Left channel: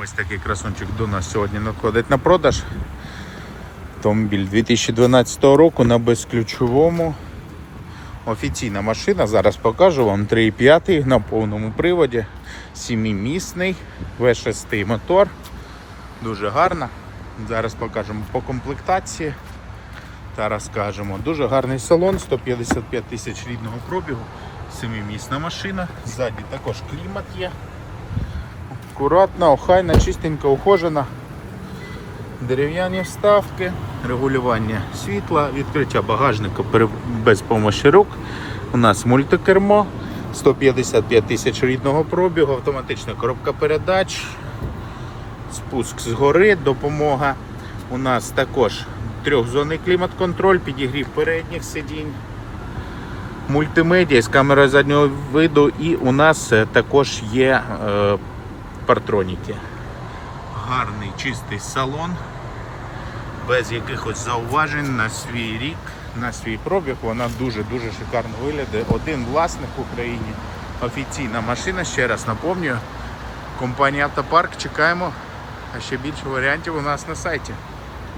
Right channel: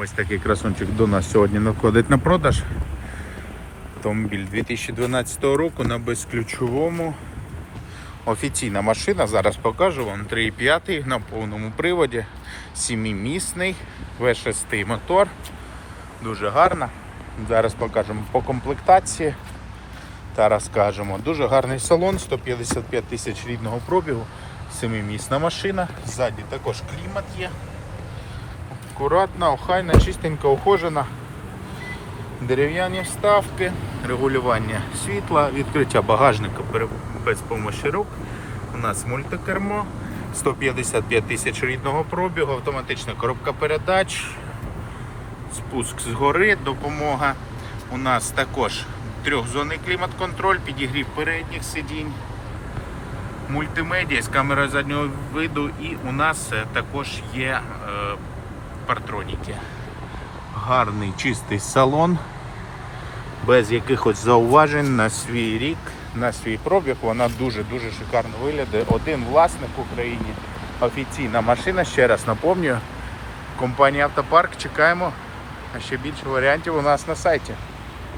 Ось такий красунчик до нас сьогодні надходить на продаж. Автомобіль 2012 року на безключовому. Офіційна машина, зараз покажу вам 3,5 на повному приводі, 7-місний, V6 мотор. Дуже гарна. Зараз покажемо по комплектації та розкажемо. Дуже гарний салон, 155 тисяч рідного пробігу, 7-місна машина. Ззаді також клімат є. Акуратна, охайна, чистенька, ухожена. Дерев'яні вставки, регулювання світла, відкриття багажника без помощі рук. У нас мультикермо, 155 тисяч рідного пробігу, автоматична коробка передач, спуск згори, допомога. У нас також трьохзонний клімат-контроль, підігрів передніх сидінь, мультимедіа з камерою заднього виду і у нас е, також є е, партроніки. Гарний чистий салон, без якихось зауважень на свій рік, на свій пробіг. Вона дуже-дуже шикарно виглядає. Один власник в Україні. Офіційна машина, ще раз напомню. Компанія Автопарк чекаємо. А ще більше варіантів у нас на сайті.